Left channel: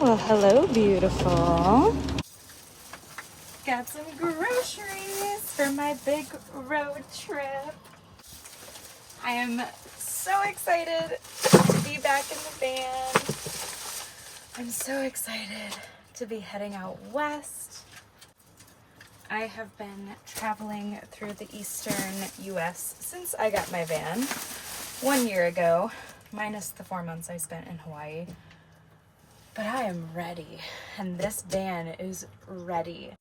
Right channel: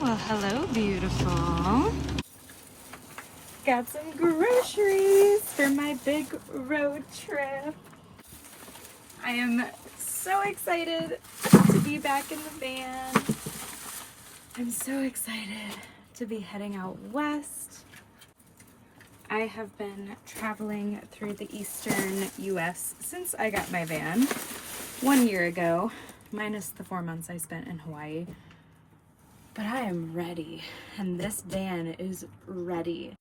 Well, hello, beautiful. Got some groceries for my big road trip. I am so excited to be back in the van. I'm so excited to be heading out west. I have been traveling through the eastern US since I got my van 1 year ago, minus the 4 months I spent in Hawaii. But I am ready, and this van is ready.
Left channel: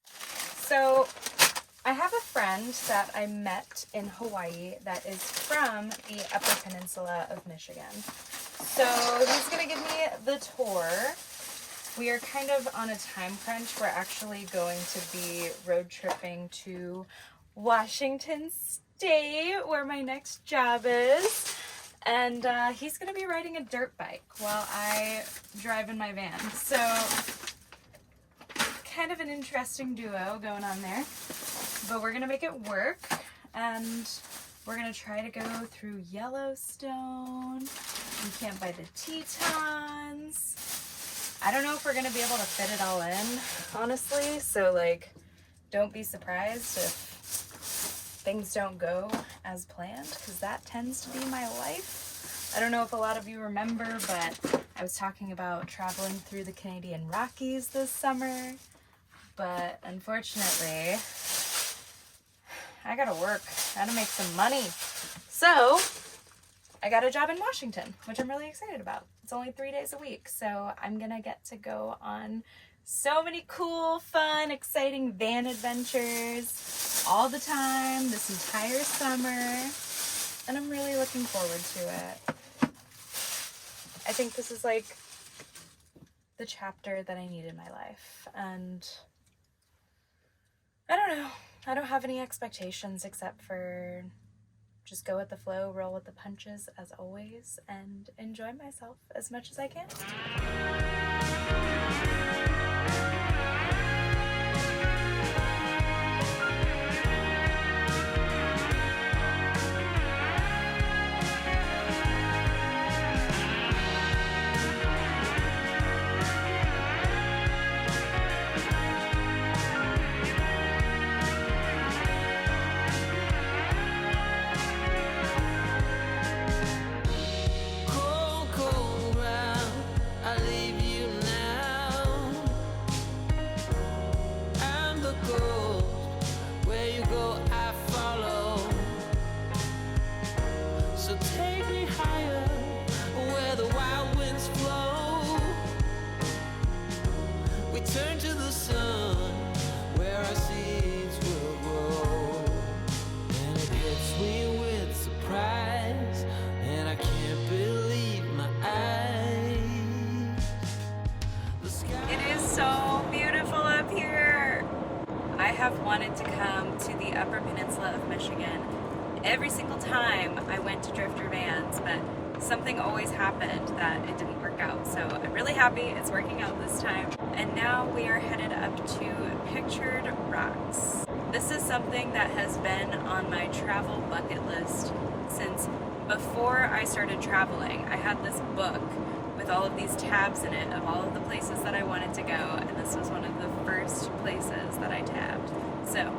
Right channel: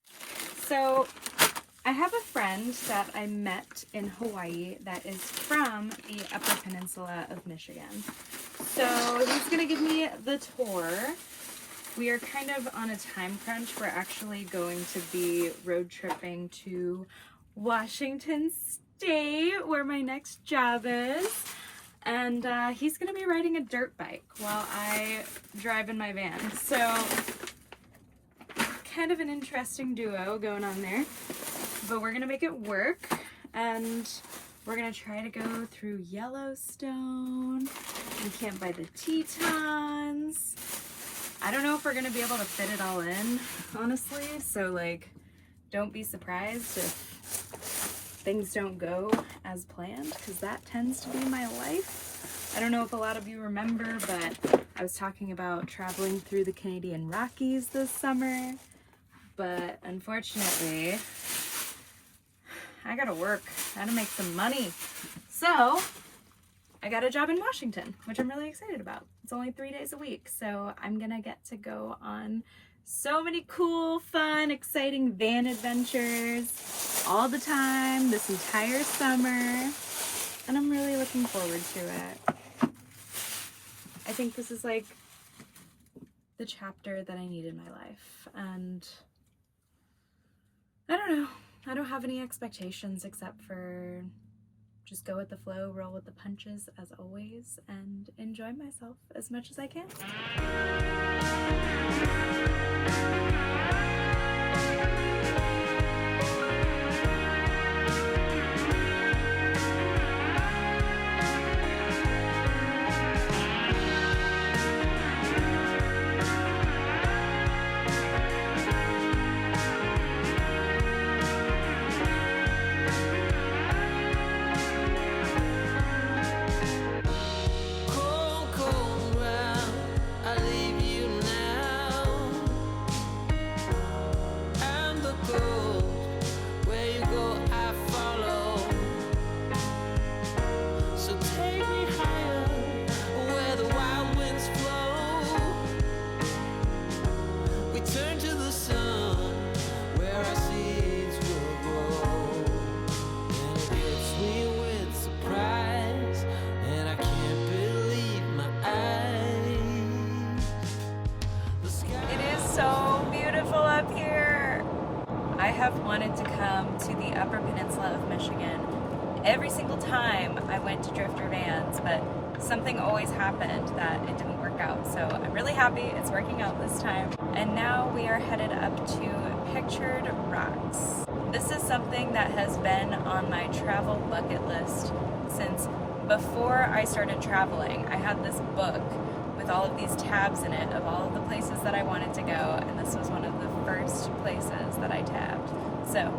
So I have a friend that I met in Hawaii that is from the Upper Peninsula of Michigan. So he's gonna give me the tour. We are kind of on a time crunch. We're actually going to be road tripping to Washington State, where my next job is. And he's gonna be riding a dirt bike while I drive in my van. So kind of an interesting duo going on there, but we're gonna make it work. And we're gonna try to go through Yellowstone and camp by the Tetons. I don't know if we're gonna be able to fit it all in, honestly. So like, don't be surprised if things don't go as planned, because that tends to be my life. I don't know if a lot of you remember, but I was talking about traveling through the Canadian Rockies this summer, but unfortunately I gotta work, I gotta make some money. So I got a job in Washington, which I'm really excited about. It's only 3 days a week, so I'm gonna get to go on so many cool, fun, exciting van adventures all the time, this entire summer, and I'm really looking forward to it. I think this is like the chapter that I need in my life, and I don't know, I don't have any expectations except for just go with the flow, roll with the punches as always, and enjoy myself as much as I can. Wanted to come to the Upper Peninsula of Michigan every single time I went to Drifter Vans, but something always happened that it didn't work out. So I'm really happy it's working out this time. And now we are headed up to Pictured Rocks. This is something that has been on my travel bucket list since before I started traveling. I had this book with all of these tabs in it of all of the places that I wanted to go, and this was one of the first places that I tabbed. So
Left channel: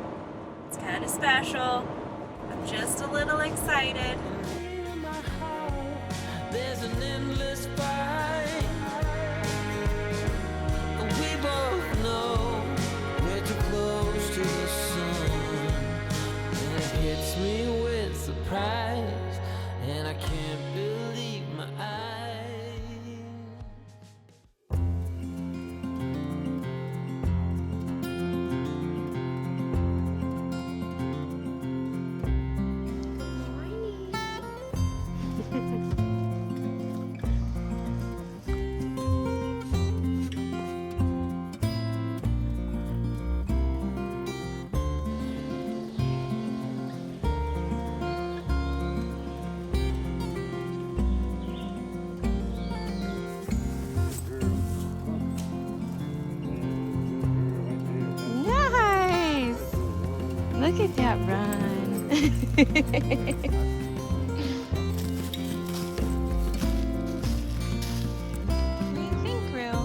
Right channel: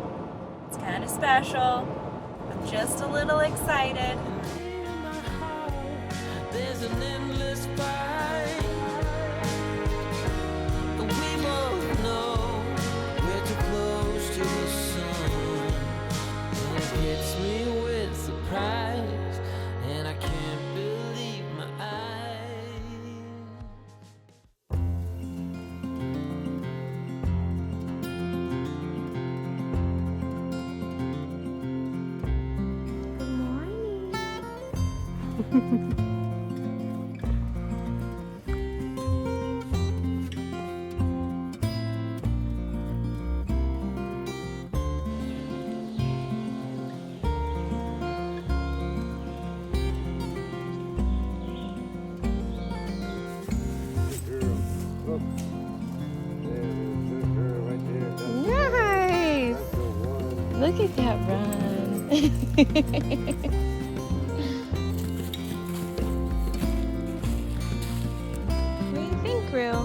it's kind of special. I'm just a little excited. In my heart, there's an endless fight. We both know we're too close to the sun, and it hits me with surprise, and I can't believe my eyes. Look at that run. What do you think, Real?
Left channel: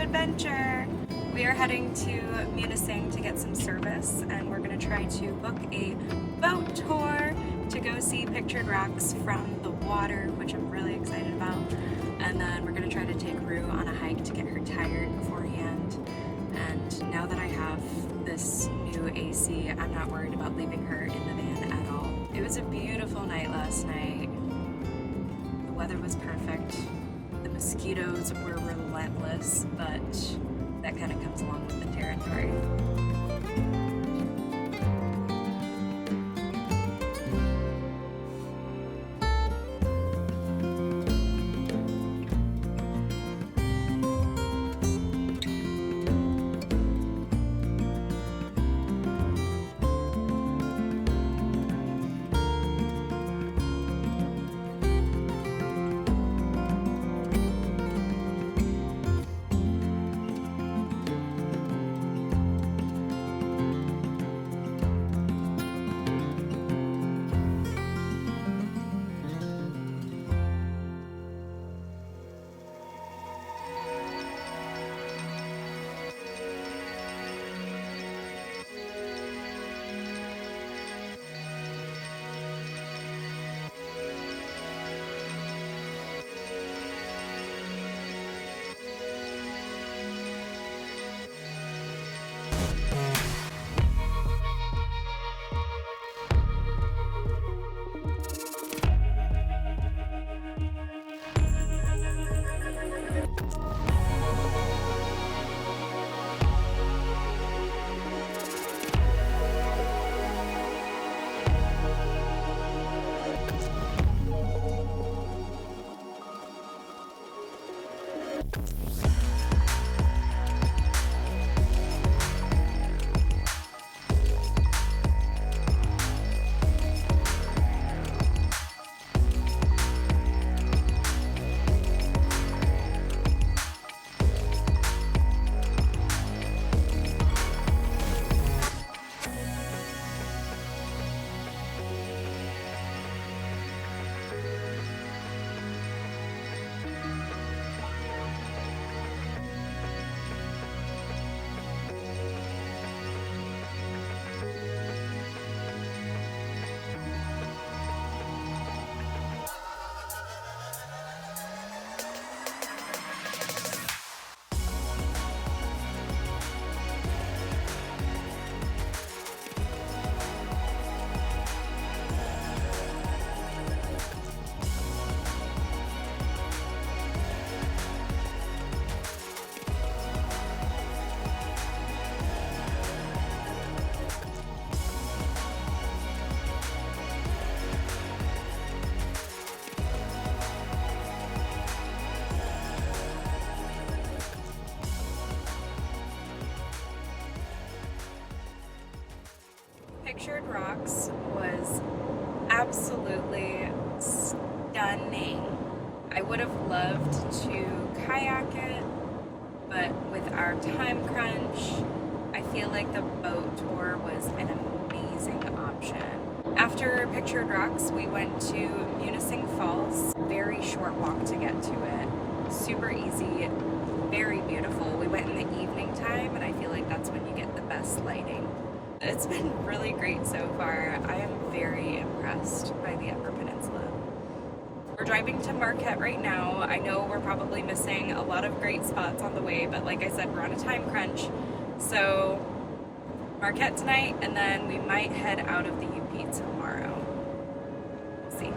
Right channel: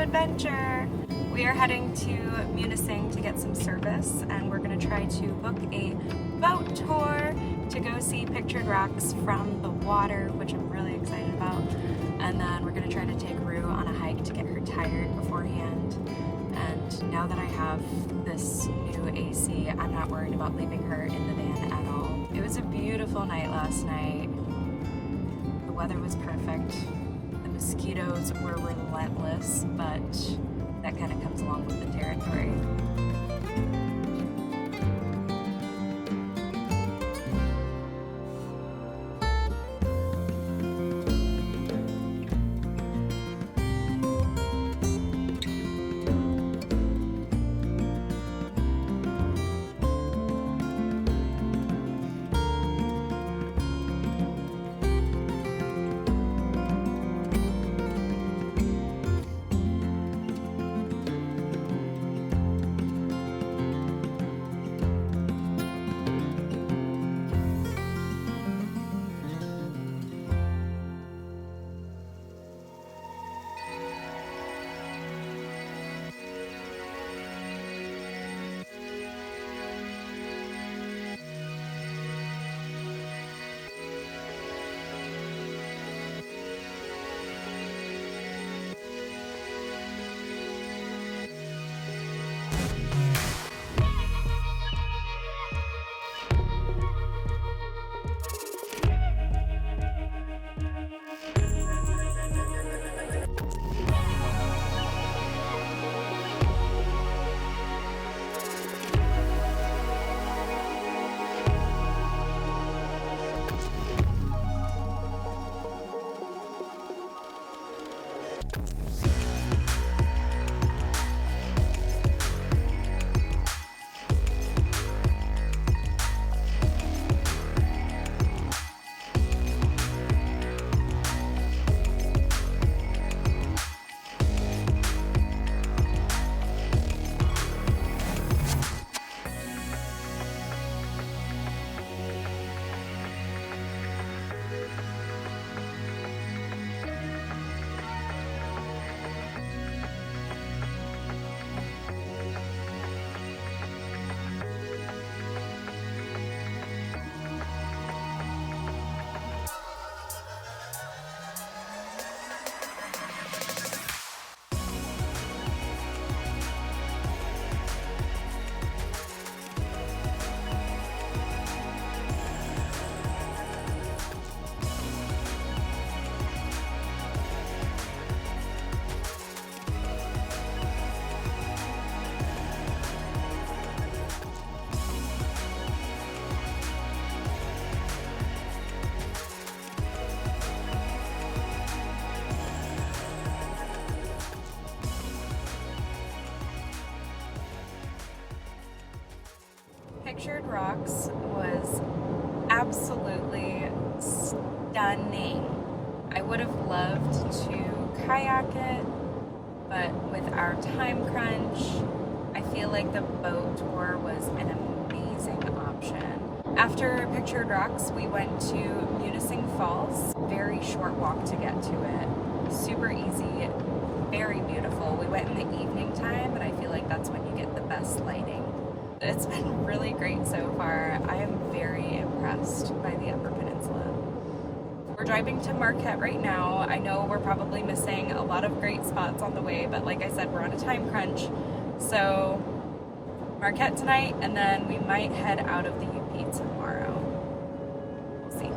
adventure. We are heading to Munising to get some service, and we're going to try to book a boat tour to go see pictured rocks from the water, which I'm really excited about. And then we're going to try to take Rue on a hike to get her tired beforehand. And now that I have this new AC, I'm not worried about leaving her in the van at all. It was a beautiful night last night. The weather was perfect. The mosquitoes were relentless, but that kind of comes along with the territory. Pictured Rocks was absolutely stunning. I would have loved to kayak it, but with our time crunch, I feel like the boat tour was an amazing option. After Pictured Rocks, we went to Munising Falls. Very short walk to get to it. Super easy, very beautiful. We went in the evening time, and I feel like that's when you get the best lighting. It's been really great so far. I am very impressed by the Upper Peninsula. We're driving to Marquette right now. I know we're probably missing a lot of great spots on the way, but like I said, we're on a time crunch. So Marquette tonight, and then we might head out of the UP tomorrow. We'll see.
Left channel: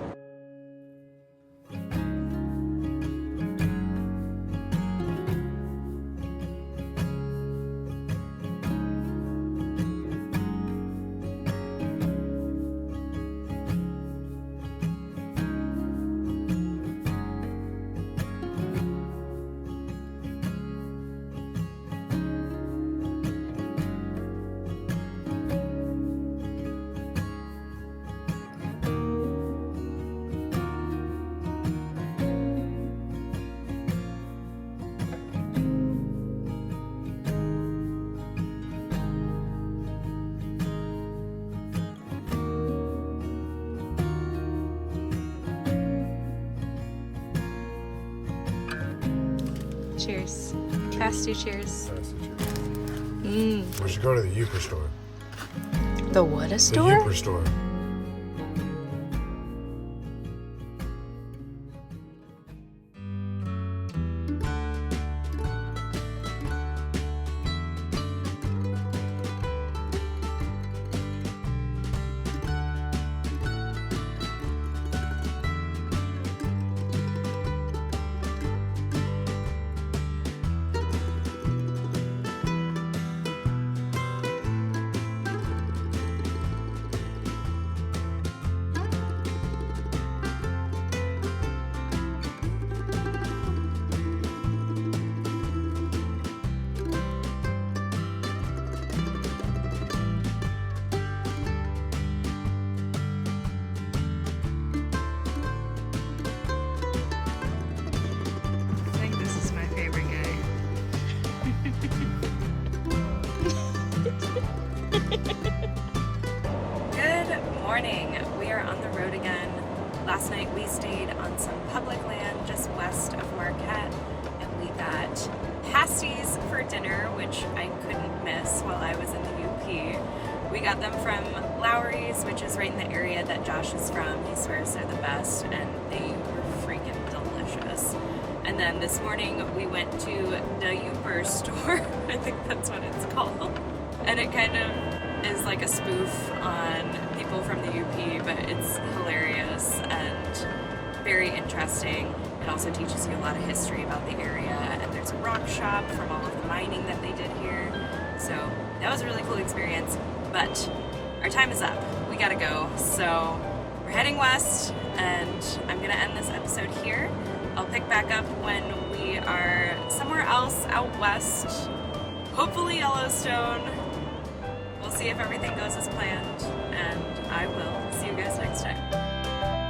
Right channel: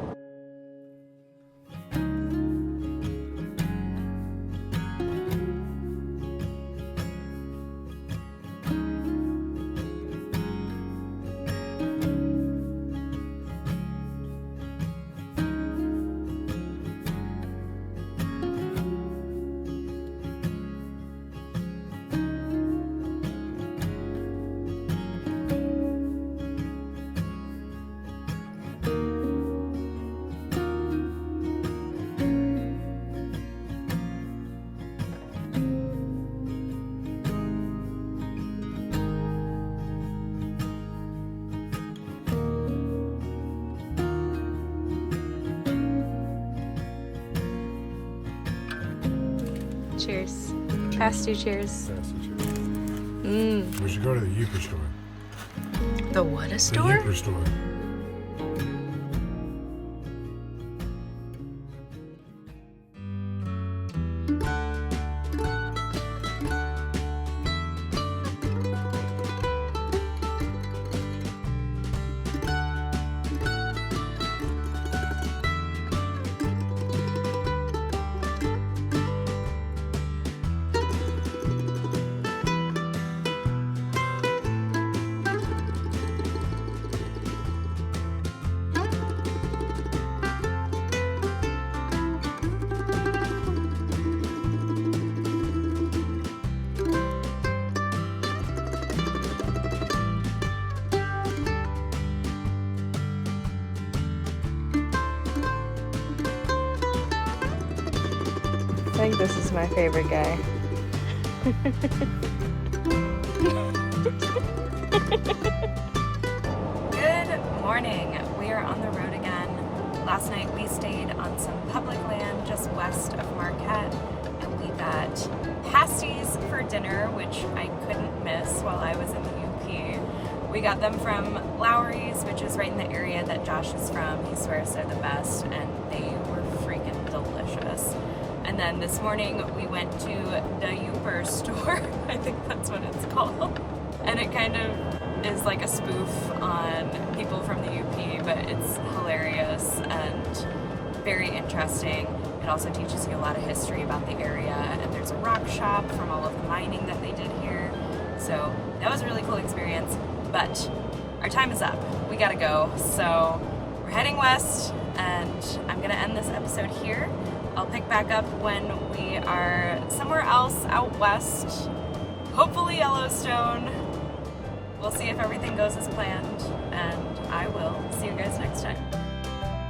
Cheers. Pasty cheers. We should go to the Euchre store. The what a The store? Euchre store. I think this is my favorite guy. Good morning. We are on the road again. Last night we stayed on some public land just west of Marquette, and we got pasties for dinner, which I couldn't miss while I was in the UP. We got them from Lowry's, which is right in the area that Josh is from. He swears they're the best, and they were freaking delicious. And then this morning we went to the Euchre store. I think that's what it's called. And it kind of is like a spoof on people from the UP, but it's hilarious and very interesting. It also teaches you a lot of history about the area, and there's a rock shop from all of the mining that they did here. So that was a really cool experience, but our time is up. We gotta go. So we're heading west, and I'm gonna end this episode here. I'll pick back up when we are somewhere else out west, hopefully Yellowstone. We'll see if everything goes as planned, and I will see you guys next time.